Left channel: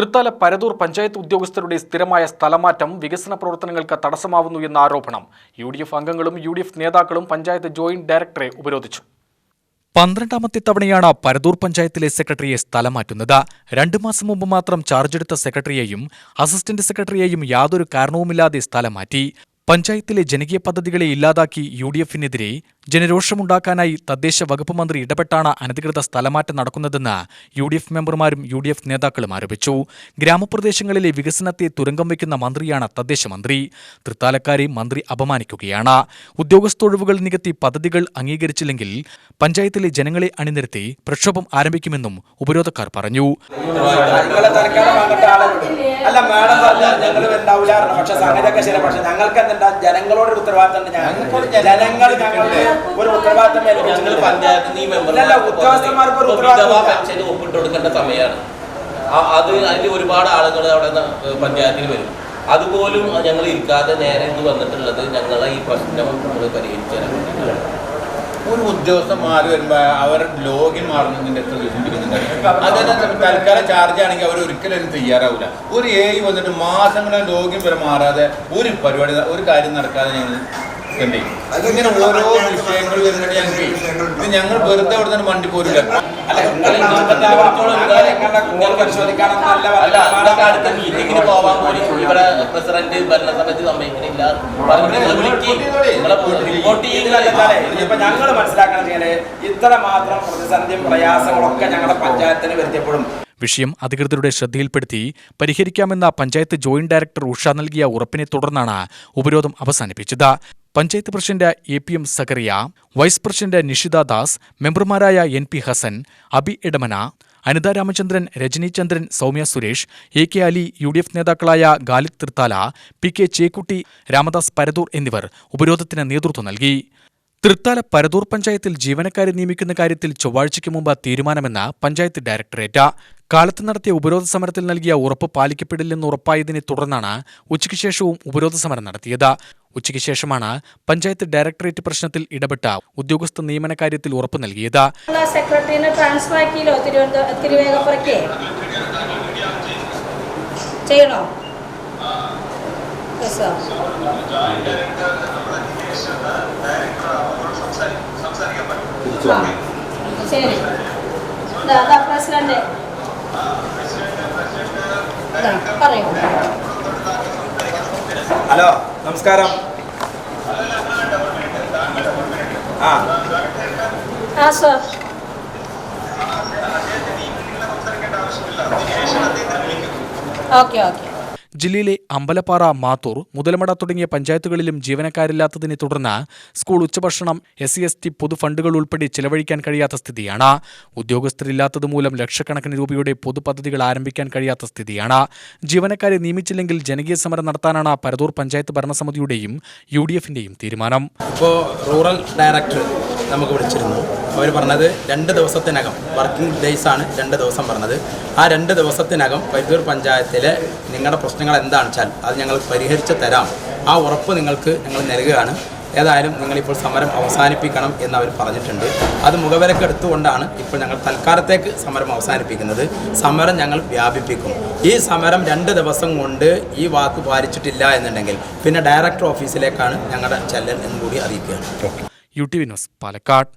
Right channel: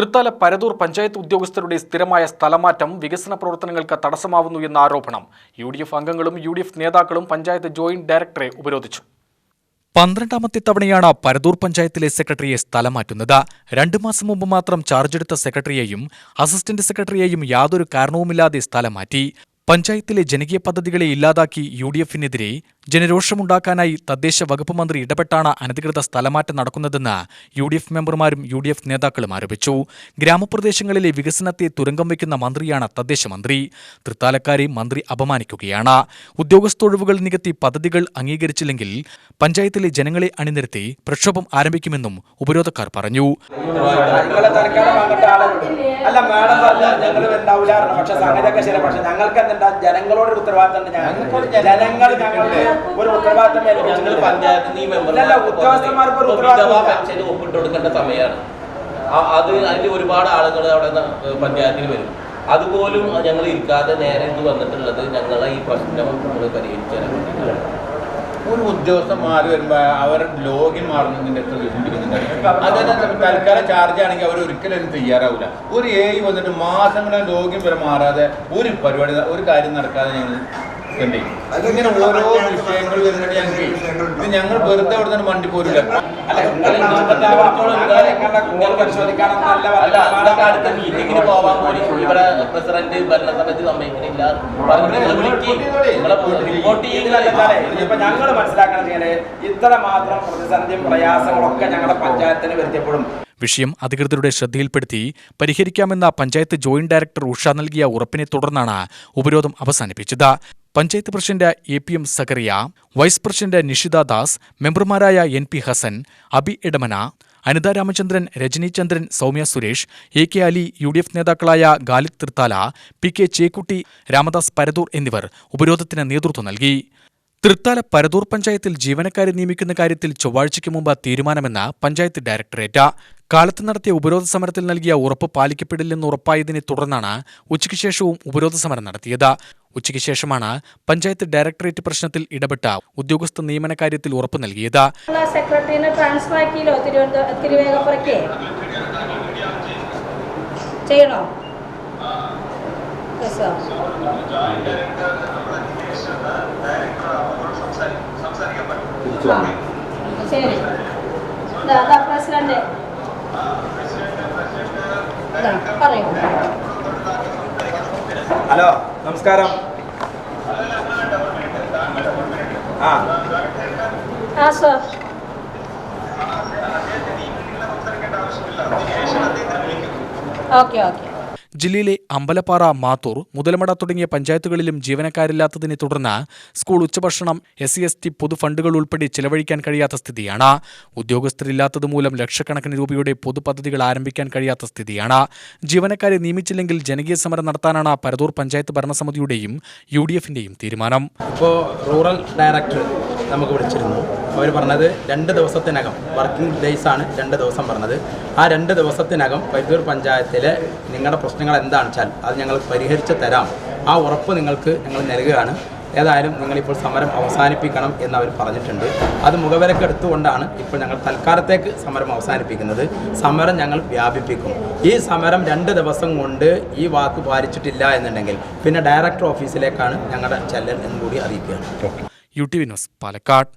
തൃത്താല പരതൂർ പഞ്ചായത്ത് ഉദ്യോഗസ്ഥരുടെ സ്ഥിരമായ സ്ഥലമാറ്റം വികസന പ്രവർത്തനങ്ങൾക്ക് തടസ്സമാവുന്നു എന്ന ആരോപണം. UDF അംഗങ്ങളും UDF നേതാക്കളും പഞ്ചായത്ത് ജോയിന്റ് ഡയറക്ടറെ ഉപരോധിച്ചു. 12ാമത്തെ തവണയാണ് പരതൂർ പഞ്ചായത്തിലെ സെക്രട്ടറിയെ സ്ഥലം മാറ്റുന്നത്. 2 മാസം മുമ്പ് മാത്രം ചാർജെടുത്ത സെക്രട്ടറിയെയും അസിസ്റ്റന്റ് സെക്രട്ടറിയെയും യാതൊരു കാരണവുമില്ലാതെ സ്ഥലം മാറ്റി. പഞ്ചായത്തിലെ ജനകീയ പദ്ധതികളെ ഇല്ലാതാക്കി UDFനെതിരെ ജനരോഷമുണ്ടാക്കാനായി തദ്ദേശ വകുപ്പ് മന്ത്രി ഇടപെട്ടാണ് അനധികൃത സ്ഥലമാറ്റം നടക്കുന്നതെന്ന് UDF മെമ്പർമാരും UDF നേതാക്കളും ആരോപിച്ചു. ഗ്രാമപ്രദേശങ്ങളിലെ വികസനത്തെ തുരങ്കം വയ്ക്കുന്ന മന്ത്രിയാണ് തദ്ദേശ മന്ത്രി. തൃത്താലക്കാരെ മന്ത്രി അപമാനിക്കുകയാണ്. ഉദ്യോഗസ്ഥൊഴിവുകൾ നികത്തി പദ്ധതികൾ അംഗീകരിച്ചില്ലെങ്കിൽ പഞ്ചായത്തിലെ ജനങ്ങളെ അണിനിരത്തി പ്രക്ഷോഭം ആരംഭിക്കുമെന്നും ഉപരോധക്കാർ പറഞ്ഞു. അല്ല മാഡം പറഞ്ഞാൽ ഞങ്ങൾ ഉണ്ടാവില്ല, പക്ഷെ സംഗതിയൊക്കെ ശരി. പക്ഷെ ഞങ്ങൾക്ക് എന്താ ജനങ്ങളോട് ഉത്തരവാദിത്തം ഉണ്ട്. ജനങ്ങൾ ഞങ്ങൾക്ക് ഒരു ഉത്തരവാദിത്തം പഞ്ചായത്ത് ഉദ്യോഗസ്ഥന്മാർക്ക് ഒരു ഉത്തരവാദിത്തം ഒപ്പിട്ട് കൊടുക്കേണ്ട സമയമാണ്. അതിൽ ഒരുപാട് ആളുകൾ അവിടെ പഞ്ചായത്തിൽ വരും. അതുപോലും ഞങ്ങൾ ഇരിക്കാതെ നേരെ ഇത് വന്നിട്ടുള്ളത് ഞങ്ങളെ ഈ പ്രശ്നം നമ്മൾ പരിഹരിച്ചു തരാൻ വേണ്ടിയിട്ടാണ്. ഒരു ഉദ്യോഗസ്ഥന്മാർ വരുമ്പോൾ അവർ ലോഗിൻ മാറുന്നതിൻ്റെ എത്ര സൂചിപ്പിക്കുന്നുണ്ട്. അതിന് തൽക്കാലം ചാർജ് ആണെങ്കിൽ അവർ ഒരിക്കലും തയ്യാറാവില്ല. ഒരു വന്നിട്ട് മാസങ്ങളെ ലോഗിൻ വരെ മാറാതെ ഒരു പരിപാടി ഒരു കാര്യം നടക്കാതെ ഞങ്ങൾ എന്ത് ചെയ്യും? ഇങ്ങനെ ഓരോ വിഷയങ്ങൾ വരുന്നുണ്ട്. ഇത് ഞങ്ങൾ വെറുതെ അവിടെ നിന്ന് വണ്ടി പോരില്ല. മീറ്റിംഗിന് പോവാൻ പോലും ഇവിടെ പ്രസിഡന്റ് ഭരണസമിതി സമ്മതിക്കുന്നില്ല. ഞങ്ങൾ മനസ്സിലാക്കണം, ഇത്ര മാത്രം പ്രതിസന്ധിയും പ്രയാസങ്ങളൊക്കെ ഞങ്ങളുടെ പഞ്ചായത്തിന് വരുത്തിയപ്പോഴും വിഷയം അധികൃതരുടെ ശ്രദ്ധയിൽപ്പെടുത്തി പരിഹരിക്കാമെന്ന പഞ്ചായത്ത് ജോയിന്റ് ഡയറക്ടർ ഉഷ നൽകിയ ഉറപ്പിനെ തുടർന്നാണ് ഉപരോധം അവസാനിപ്പിച്ചത്. Panchayat president APM Zakariya, vice president Nishitha Das, മെമ്പർമാരായ NP ഹസൻ, അബി എടമന, അനിത രാമചന്ദ്രൻ, രജനി ചന്ദ്രൻ, സൗമ്യ സുരേഷ്, AK അലി, UDF നേതാക്കളായ ഗാലിദ് തൃത്താല, PK ചേക്കുട്ടി, രാമദാസ് പരതൂർ എന്നിവർ ഉപരോധത്തിന് നേതൃത്വം നൽകി. തൃത്താല പരതൂർ പഞ്ചായത്തിൽ ജീവനക്കാരെ നിയമിക്കുന്ന കാര്യത്തിൽ ചൊവ്വാഴ്ചയ്ക്ക് മുമ്പ് തീരുമാനമെന്ന് പഞ്ചായത്ത് ഡയറക്ടറേറ്റ്. കാലത്ത് നടത്തിയ ഉപരോധ സമരത്തിൽ നൽകിയ ഉറപ്പ് പാലിക്കപ്പെടില്ലെന്ന് ഉറപ്പായതിനെ തുടർന്നാണ് ഉച്ചയ്ക്ക് ശേഷവും ഉപരോധ സമരം നടത്തിയത്. ഉച്ചയ്ക്ക് ശേഷമാണ് പഞ്ചായത്ത് ഡയറക്ടറേറ്റ് പ്രശ്നത്തിൽ ഇടപെട്ട ഉദ്യോഗസ്ഥ നിയമന കാര്യത്തിൽ ഉറപ്പ് നൽകിയത്. സെക്രട്ടറിനെ ട്രാൻസ്ഫർ ആക്കിയല്ലോ തിരുവേഗപ്പുറയ്ക്ക് ചെയ്യണോ? ശരി, പ്രസിഡന്റ് പറയൂ. ഹലോ, നമസ്കാരം. Sir, okay. ജില്ലയിലെ അമ്പലപ്പാറ, മാത്തൂർ, മുതലമട തുടങ്ങിയ പഞ്ചായത്തുകളിലും ജീവനക്കാരില്ലാത്തതിനെ തുടർന്ന് സ്കൂൾ ഉച്ചഭക്ഷണം, SC/ST പൊതുഫണ്ടുകൾ ഉൾപ്പെടെ ചെലവഴിക്കാൻ കഴിയാത്ത സ്ഥിതിയാണ്. ഉദ്യോഗസ്ഥരില്ലാത്തതുമൂലം ലക്ഷക്കണക്കിന് രൂപയുടെ പൊതുപദ്ധതികൾ ആരംഭിക്കാൻ കഴിയാത്ത സ്ഥിതിയാണ്. ജീവനക്കാരെ നിയമിച്ചില്ലെങ്കിൽ ജനകീയ സമരം നടത്താനാണ് പരതൂർ പഞ്ചായത്ത് ഭരണസമിതിയുടെയും UDFന്റെയും തീരുമാനം. ഇപ്പോൾ റൂറൽ ഡയറക്ടർ നമുക്ക് വിളിച്ചിരുന്നു. അവർ പറഞ്ഞത് 2 ദിവസത്തിനകം, വർക്കിംഗ് ഡേയ്സാണ് 2 ദിവസം പറഞ്ഞത്. ആ 2 ദിവസത്തിനകം പരതൂർ പഞ്ചായത്തിലെ നിങ്ങളുടെ പ്രശ്നങ്ങൾ എന്താണെന്ന് വെച്ചാൽ അത് ഞങ്ങൾ പരിഹരിച്ച് തരാം. ആ ഉറപ്പ് നിങ്ങൾക്ക് ഞങ്ങൾ നൽകുകയാണ്. ഏതായാലും നിങ്ങളിപ്പോൾ സമരം അവസാനിപ്പിക്കണം എന്ന് അവർ പറഞ്ഞിട്ടുണ്ട്. അത് മുഖവിലക്കെടുത്തുകൊണ്ടാണ് ഇപ്പോൾ ഞങ്ങൾ തൽക്കാലത്തേക്ക് സമരം അവസാനിപ്പിക്കുന്നത്. സമരം ഞങ്ങൾ വ്യാപിപ്പിക്കും. ഈ സമരം 2 ദിവസം കൊണ്ട് ഈ വാക്ക് പാലിച്ചിട്ടില്ല എന്നുണ്ടെങ്കിൽ പിന്നെ ഡയറക്ടർ ഓഫീസിലേക്കാണ് ഞങ്ങളുടെ ചെല്ലൽ എന്ന് കൂടി അറിയിക്കുകയാണ്. UTV news, Palakkad.